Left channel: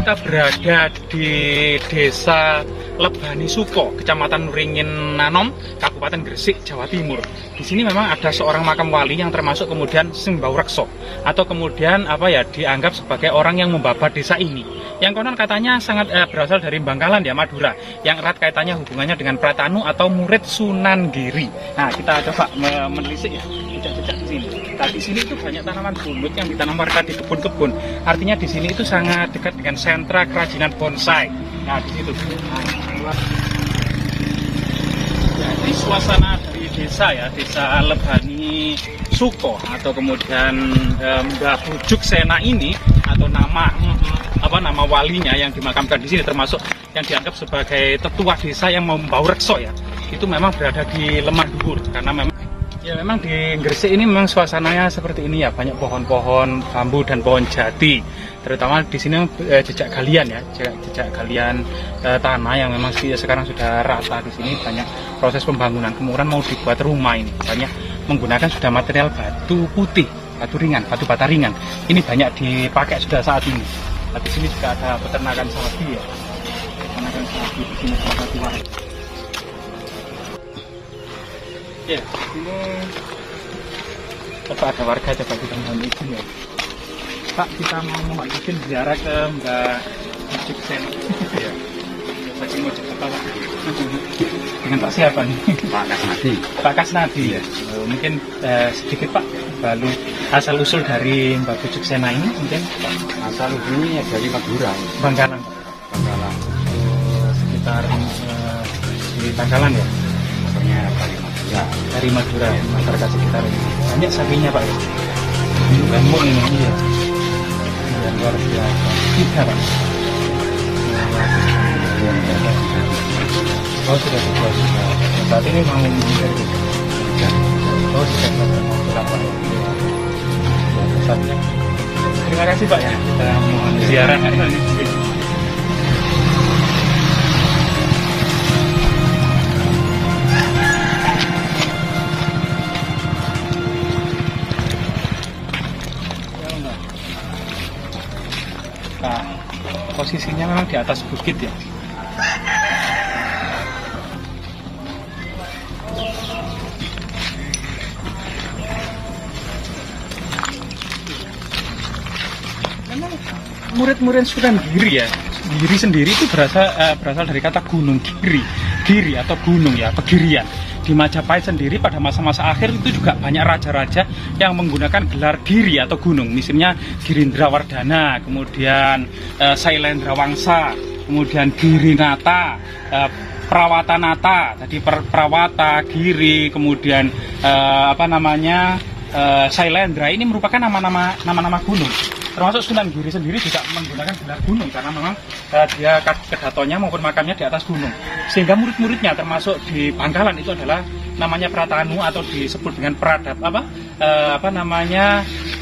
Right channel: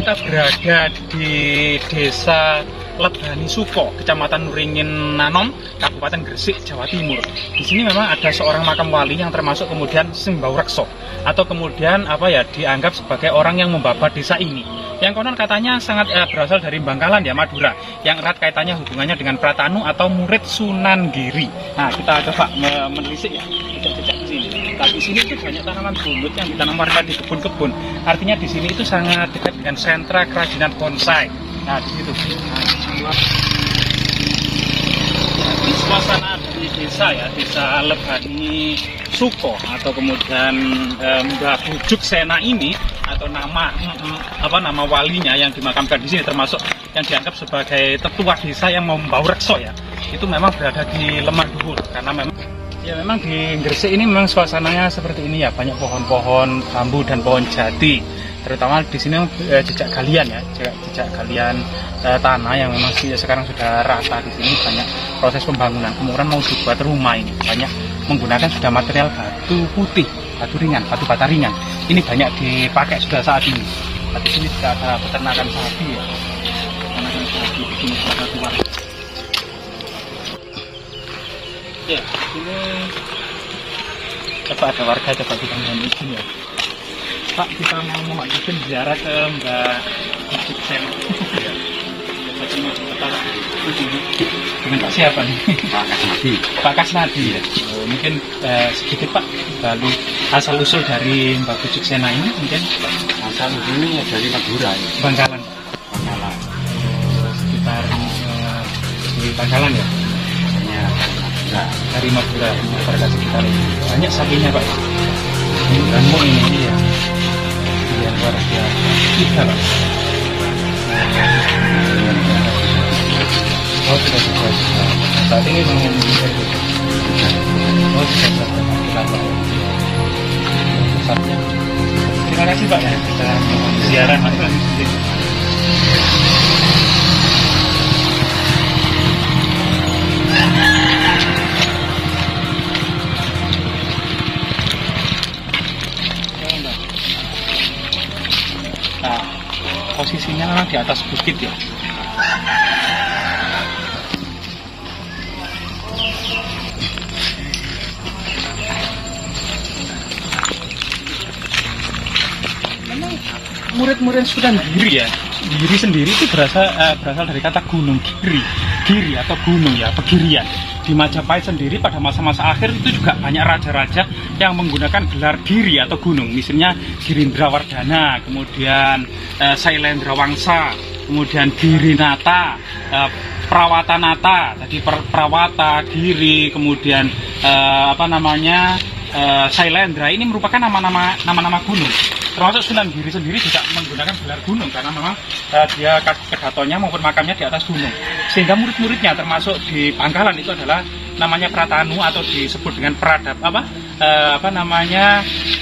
kita berada di Desa Lebani Suko, Kecamatan Nuringin Nanom, Kabupaten Gresik, Jawa Timur. Di sini memang ada seorang makam wali yang termasuk kemudian Simbau Rekso, atau kemudian dianggap sebagai orang yang membabat desa ini. Yang konon katanya sangat berasal dari Bangkalan ya, Madura, yang erat kaitannya hubungannya dengan Pratanu atau murid Sunan Giri. Nah, kita coba menelisik ya, jejak-jejak di sini. Nah, di sini itu banyak tanaman bunut yang ditanam warga di kebun-kebun. Artinya di sini itu sangat dekat dengan sentra kerajinan bonsai. Nah, di situ. Jadi suasana dari desa ya, Desa Lebani Suko atau kemudian Mbah Bujuk Sena ini, atau nama walinya yang dimakamkan di sini, termasuk yang dianggap sebagai tetua desa yang membawa rekso ya, itu memang berada di Lemah Dhuwur. Karena memang di Gresik ini memang suasananya seperti ini ya, banyak pohon-pohon bambu dan pohon jati. Terutama di sini jejak galian ya, jejak galian tanah yang memang sekarang sudah rata. Di sini banyak proses pembangunan, kemudian mau dibuat rumah ini banyak menggunakan sudah material batu putih, batu ringan, batu bata ringan. Ini banyak dipakai sudah saat ini. Di sini juga ada peternakan sapi ya, peternakan sapi di sini salah satu. Ya, ini coba ada warga coba kita mohon izin ya. Pak, kita mau izin ziarah ke Mbak Bujuk Sena. Dengan Pak siapa nih? Pak Kasnadi. Pak Kasnadi ya. Oh, mungkin sedikit Pak, lalu asal usul dari Mbak Bujuk Sena ini mungkin? Asal usulnya dari Madura. Bangkalan. Bangkalan. Sekitar di Bangkalan ya. Pokoknya dari Madura. Dari Madura, masyarakat sekitar ini. Banyak sapinya Pak. Gemuk ini ya. Iya, luar biasa. Tiga Pak. Oh, sudah dibuat. Saat ini mau mencari gitu. Oh, sudah dibuat Pak. Pesatnya. Terima kasih Pak ya. Kita mohon ziarah di sini. Nah, posisinya memang di atas bukit ya. Memang murid-murid Sunan Giri ya. Giri sendiri itu berasal dari kata gunung, giri atau gunung ya, pegirian. Di Majapahit sendiri pada masa-masa akhir itu juga banyak raja-raja yang menggunakan gelar giri atau gunung. Misalnya Girindrawardhana, kemudian Sailendra Wangsa, kemudian Girinata, Prawatanata, tadi Prawata, Giri, kemudian Sailendra. Ini merupakan nama-nama gunung. Termasuk Sunan Giri sendiri juga menggunakan gelar gunung karena memang dia kedatonya maupun makamnya di atas gunung. Sehingga murid-muridnya termasuk di Bangkalan itu adalah namanya Pratanu atau disebut dengan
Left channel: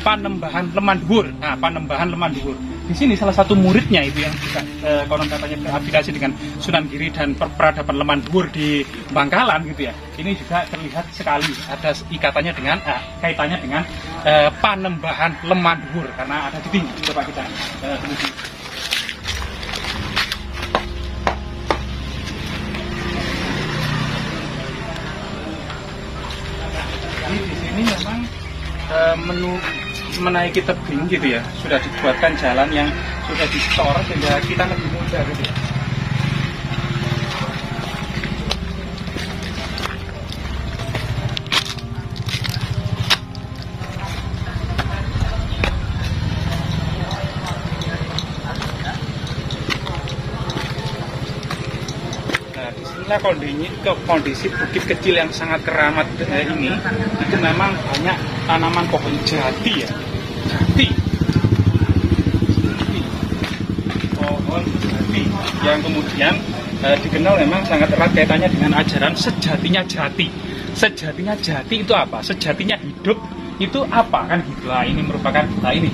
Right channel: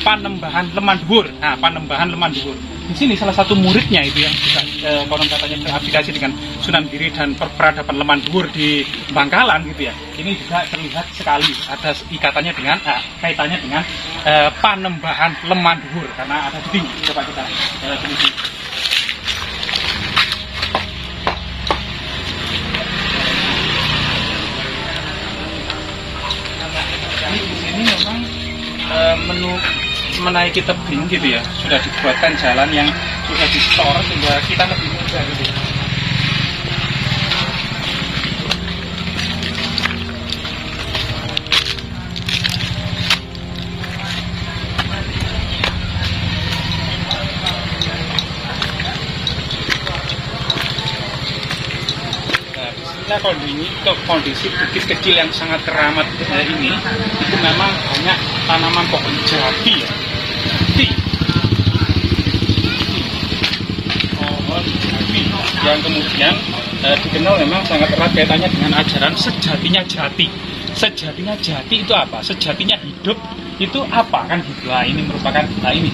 Panembahan Lemah Dhuwur. Nah, Panembahan Lemah Dhuwur. Di sini salah satu muridnya itu yang juga konon katanya berafiliasi dengan Sunan Giri dan peradaban Lemah Dhuwur di Bangkalan gitu ya. Ini juga terlihat sekali ada ikatannya dengan kaitannya dengan Panembahan Lemah Dhuwur karena ada di tinggi. Coba kita teliti. Di sini memang menaiki tebing gitu ya, sudah dibuatkan jalan yang sudah di-store sehingga kita lebih mudah gitu ya. Nah, disinilah kondisi bukit kecil yang sangat keramat ini, itu memang banyak tanaman pohon jati ya. Pohon jati yang kemudian dikenal memang sangat erat kaitannya dengan ajaran sejatinya jati. Sejatinya jati itu apa? Sejatinya hidup itu apa kan gitu lah. Ini merupakan ini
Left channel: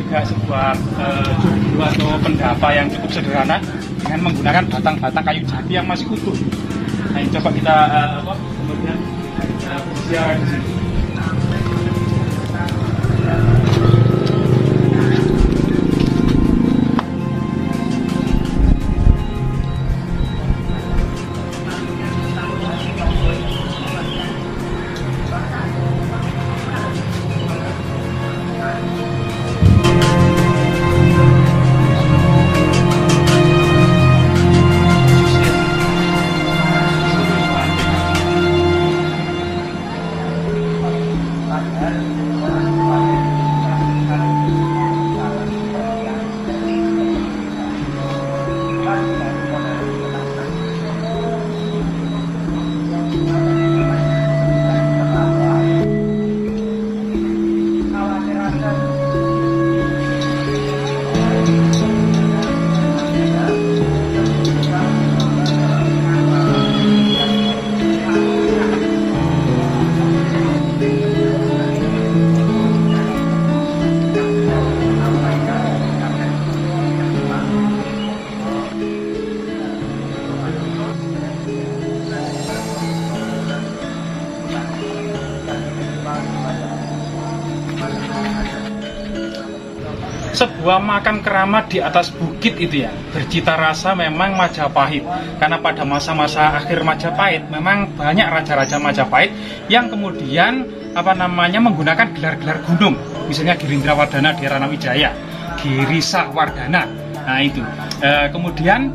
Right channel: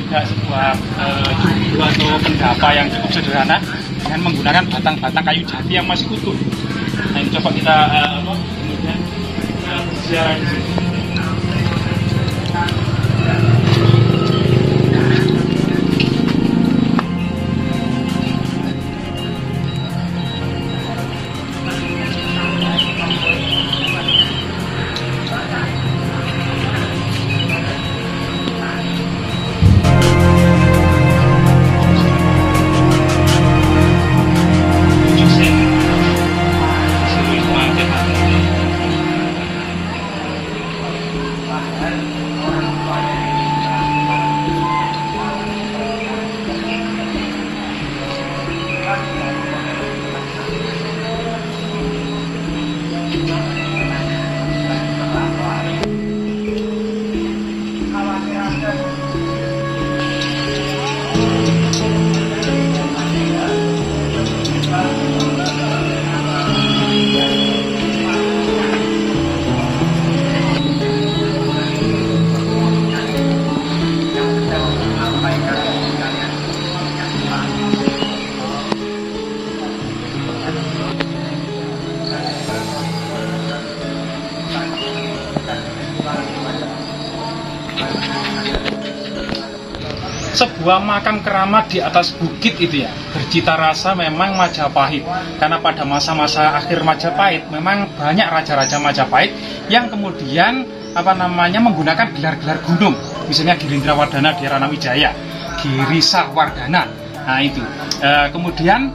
juga sebuah judul atau pendapa yang cukup sederhana dengan menggunakan batang-batang kayu jati yang masih utuh. Nah, ini coba kita kemudian ziarah di sini. sebuah makam keramat di atas bukit itu ya, bercita rasa memang Majapahit. Karena pada masa-masa akhir Majapahit memang banyak raja-raja Majapahit yang kemudian menggunakan gelar-gelar gunung, misalnya Girindrawardhana di Ranawijaya, Girisawardhana. Nah itu kemudian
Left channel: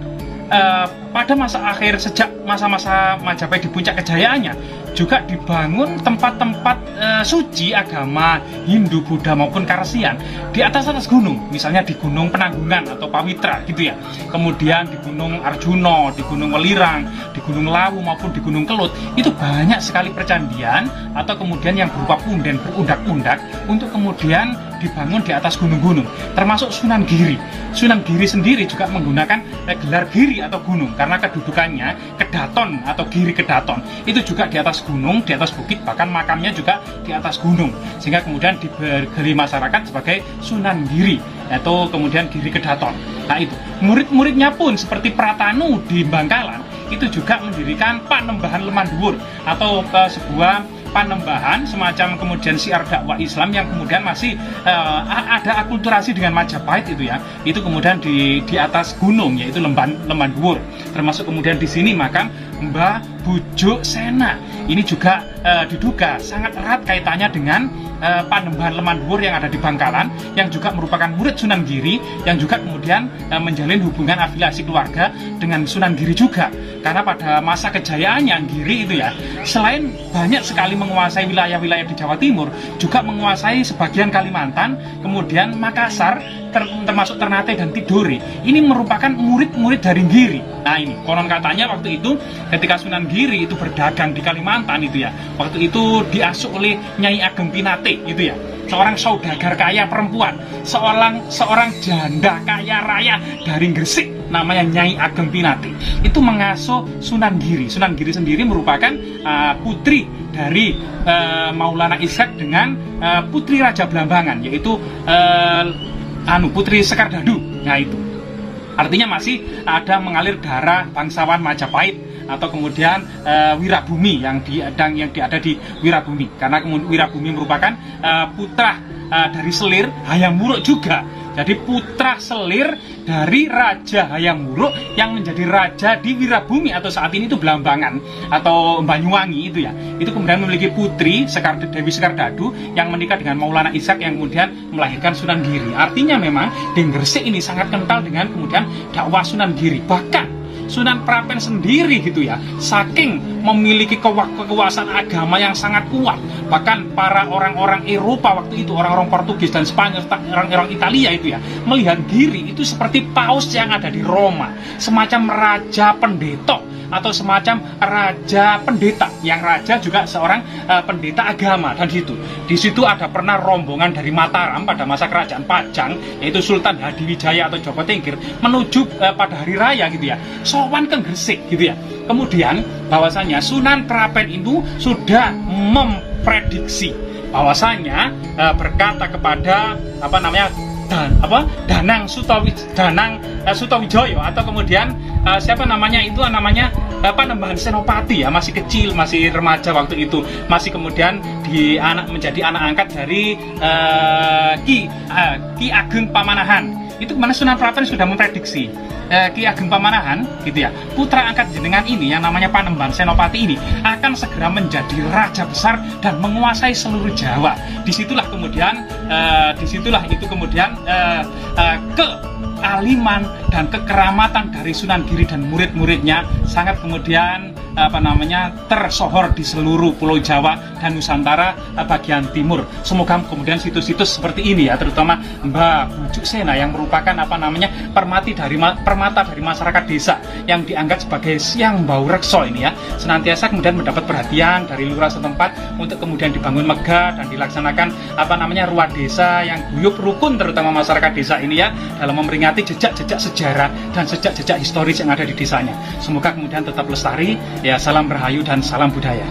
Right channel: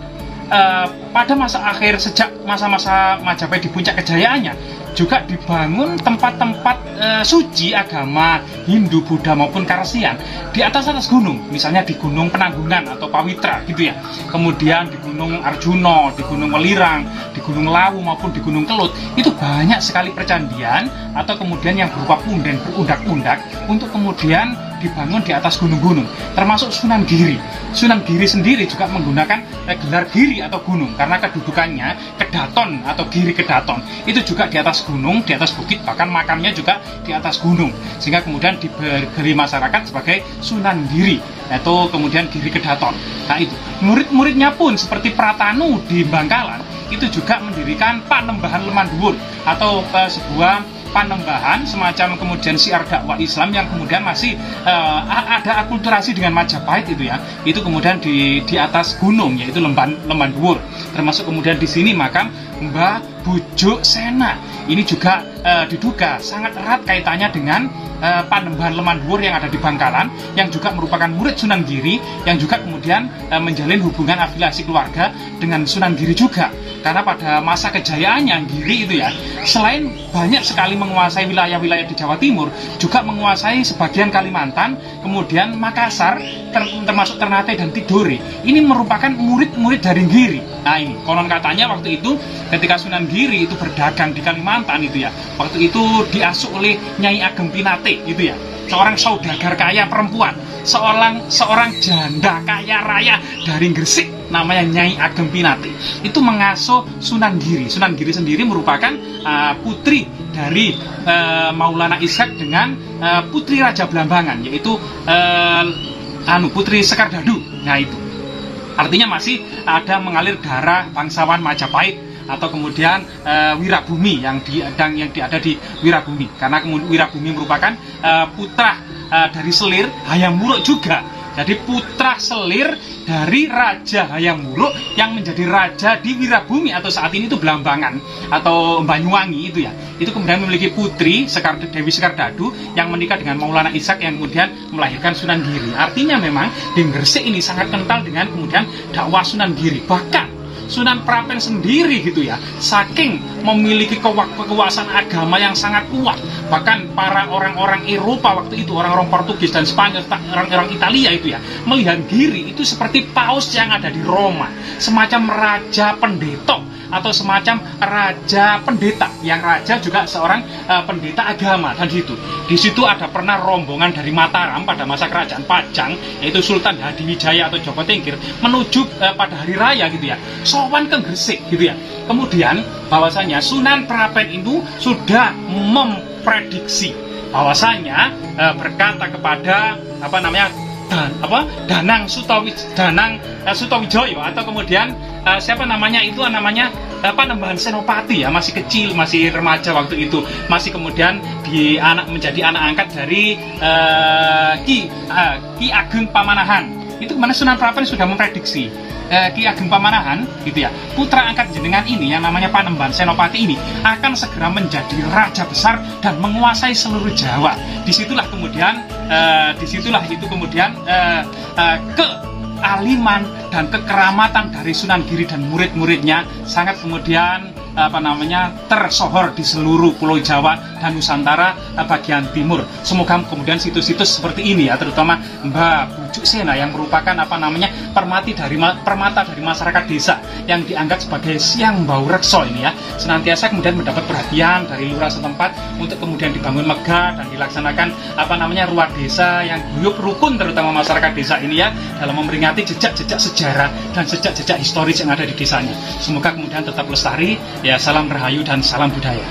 pada masa akhir, sejak masa-masa Majapahit di puncak kejayaannya, juga dibangun tempat-tempat suci agama Hindu, Buddha maupun Karesian di atas gunung, misalnya di Gunung Penanggungan atau Pawitra gitu ya. Kemudian di Gunung Arjuna, di Gunung Welirang, di Gunung Lawu maupun di Gunung Kelut. Itu banyak sekali percandian atau kemudian yang berupa punden berundak-undak untuk kemudian dibangun di atas gunung-gunung, termasuk Sunan Giri. Sunan Giri sendiri juga menggunakan gelar Giri atau gunung karena kedudukannya Kedaton atau Giri Kedaton. Itu juga di atas gunung, di atas bukit, bahkan makamnya juga di atas gunung, sehingga kemudian diberi masyarakat sebagai Sunan Giri atau kemudian Giri Kedaton. Nah itu murid-muridnya pun seperti Pratanu di Bangkalan itu juga mendirikan Panembahan Lemanduwur atau sebuah panembahan semacam kemudian siar dakwah Islam yang kemudian masih ada akulturasi dengan Majapahit itu ya. Itu kemudian di atas gunung, yaitu Lemanduwur. Termasuk kemudian di sini makam Mbah Bujuk Sena. Ini juga diduga sangat erat kaitannya dengan Panembahan Lemanduwur yang ada di Bangkalan, yang juga merupakan murid Sunan Giri, yang juga kemudian menjalin hubungan afiliasi keluarga dengan Sunan Giri juga. Karena pada masa kejayaannya Giri itu ya, selain banyak sekali menguasai wilayah-wilayah di Jawa Timur, juga menguasai sebagian Kalimantan, kemudian Makassar, termasuk Ternate dan Tidore. Ini merupakan murid-murid dari Giri. Nah ini, konon katanya waktu itu ketika Sunan Giri itu berdagang di Kalimantan itu ya, waktu itu diasuh oleh Nyai Ageng Pinate gitu ya, seorang saudagar kaya perempuan, seorang janda kaya raya dari Gresik, namanya Nyai Ageng Pinate. Itu mengasuh Sunan Giri. Sunan Giri sendiri merupakan putri dari Maulana Ishak dengan putri Raja Blambangan, yaitu Putri Sekardadu. Nah itu artinya masih ada mengalir darah bangsawan Majapahit atau kemudian Wirabumi yang ada di Wirabumi, karena Wirabumi merupakan putra dari Selir Hayam Wuruk juga. Jadi putra selir dari Raja Hayam Wuruk yang menjadi raja di Wirabumi atau saat ini itu Blambangan atau Banyuwangi itu ya. Itu kemudian memiliki putri Dewi Sekardadu yang menikah dengan Maulana Ishak yang kemudian melahirkan Sunan Giri. Artinya memang di Gresik ini sangat kental dengan kemudian dakwah Sunan Giri. Bahkan Sunan Prapen sendiri gitu ya, saking memiliki kekuasaan agama yang sangat kuat, bahkan para orang-orang Eropa waktu itu, orang-orang Portugis dan Spanyol, orang-orang Italia itu ya, melihat Giri itu seperti paus yang ada di Roma, semacam raja pendeta atau semacam raja pendeta, yang raja juga seorang pendeta agama. Dan di situ ada pernah rombongan dari Mataram pada masa kerajaan Pajang, yaitu Sultan Hadiwijaya atau Joko Tingkir, menuju pada hari raya gitu ya, sowan ke Gresik gitu ya. Kemudian bahwasanya Sunan Prapen itu sudah memprediksi bahwasanya berkata kepada Danang Sutawijoyo atau kemudian Panembahan Senopati ya, masih kecil, masih remaja waktu itu, masih kemudian menjadi anak angkat dari Ki Ageng Pamanahan. Itu kemana Sunan Prapen sudah memprediksi Ki Ageng Pamanahan gitu ya, putra angkat jenengan ini yang namanya Panembahan Senopati ini akan segera menjadi raja besar dan menguasai seluruh Jawa. Disitulah itu kemudian kealiman dan kekeramatan dari Sunan Giri dan murid-muridnya sangat kemudian tersohor di seluruh Pulau Jawa dan Nusantara bagian timur. Semoga kemudian situs-situs seperti ini ya, terutama Mbah Bujuk Sena yang merupakan permata dari masyarakat desa yang dianggap sebagai siang bau rekso ini ya, senantiasa kemudian mendapat perhatian dari lurah setempat untuk kemudian dibangun megah dan dilaksanakan ruah desa yang guyup rukun, terutama masyarakat desa ini ya, dalam memperingati jejak-jejak sejarah dan jejak-jejak historis yang ada di desanya. Semoga kemudian tetap lestari. Ya, salam Rahayu dan salam budaya.